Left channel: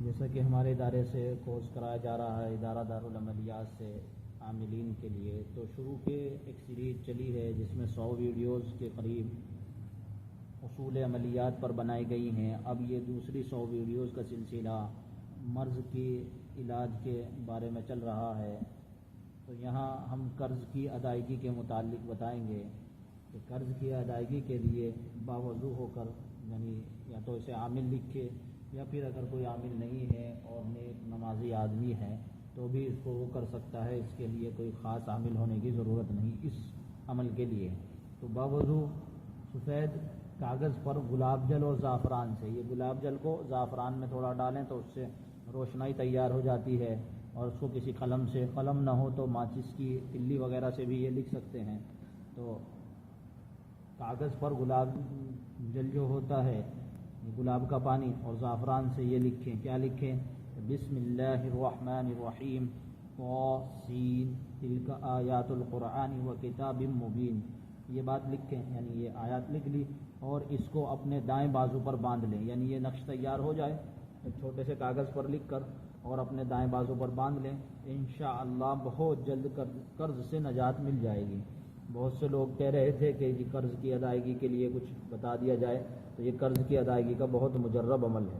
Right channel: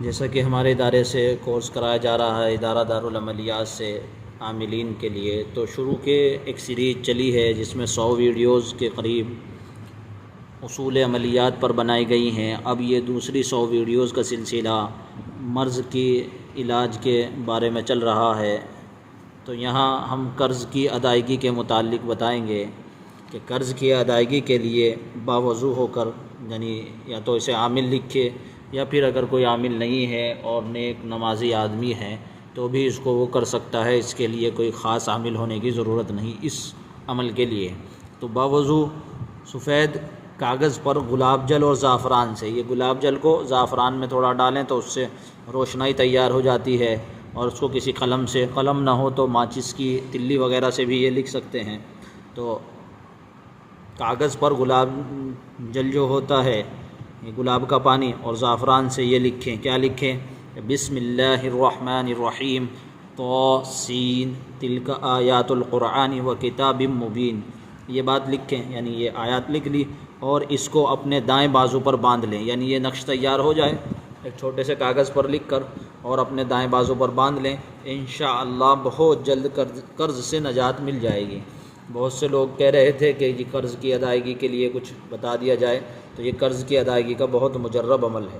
جیسا کہ ہمارے ادارے سے کورس کرایا جا رہا ہے ادارہ دارالعملیات سے عاملین کے لیے، تو شروع کے ایک سیریز چلی ہے جس میں 100 ویڈیوز کے قریب اصول عملیات پر بنائی گئی ہیں۔ اب یہ دوسری 100 ویڈیوز کا سلسلہ مرض کی علاج کے بارے میں چل رہا ہے۔ تو یہاں ہم قرض کی ادائیگی کے متعلق بتائیں گے کہ قرض کی ادائیگی کے لیے باوضو ہو کر، یعنی یا تو اسے عامل لکھے، یا پھر اگر کوئی عامل نہیں ہے اور نیک نمازی آدمی ہے تو بھی اس کو وہ کر سکتا ہے، اس کے لیے کوئی خاص عامل ہونے کی ضرورت نہیں اس عمل کے لیے۔ تو باوضو سفید کاغذ پر گلاب جل اور زعفران سے، یہ گلاب جل کو زعفران میں تھوڑا ڈالیں تو اس سے روشنائی تیار ہو جاتی ہے، اور اس کو کسی قلم سے، قلم نہ ہو تو ماچس کی تلی وغیرہ سے بھی یہ لکھ سکتے ہیں۔ تو کاغذ پر گلاب جل جو ہوتا ہے، یہ گلاب کا پانی، اور زعفران سے یہ لکھیں، کیا لکھیں؟ بسم اللہ الرحمن الرحیم طاسین تلک آیات القرآن و کتاب مبین، یہ بات لکھیں، یعنی یہ آیات لکھ لی اور اس کو اپنے دائیں بازو پر باندھ لیں، یعنی یہ نقش تیار ہو جائے ایک چھوٹے سے کاغذ پر لکھ کر اور اپنے دائیں بازو پر باندھ لیں، انشاءاللہ بہت جلد قرض سے نجات مل جائے گی۔ بہت سے لوگ کہہ رہے تھے کہ یہ قرض کی ادائیگی کے لیے کچھ بتا دیا جائے، تو یہ قرض کی ادائیگی کا بہت مجرب عمل ہے۔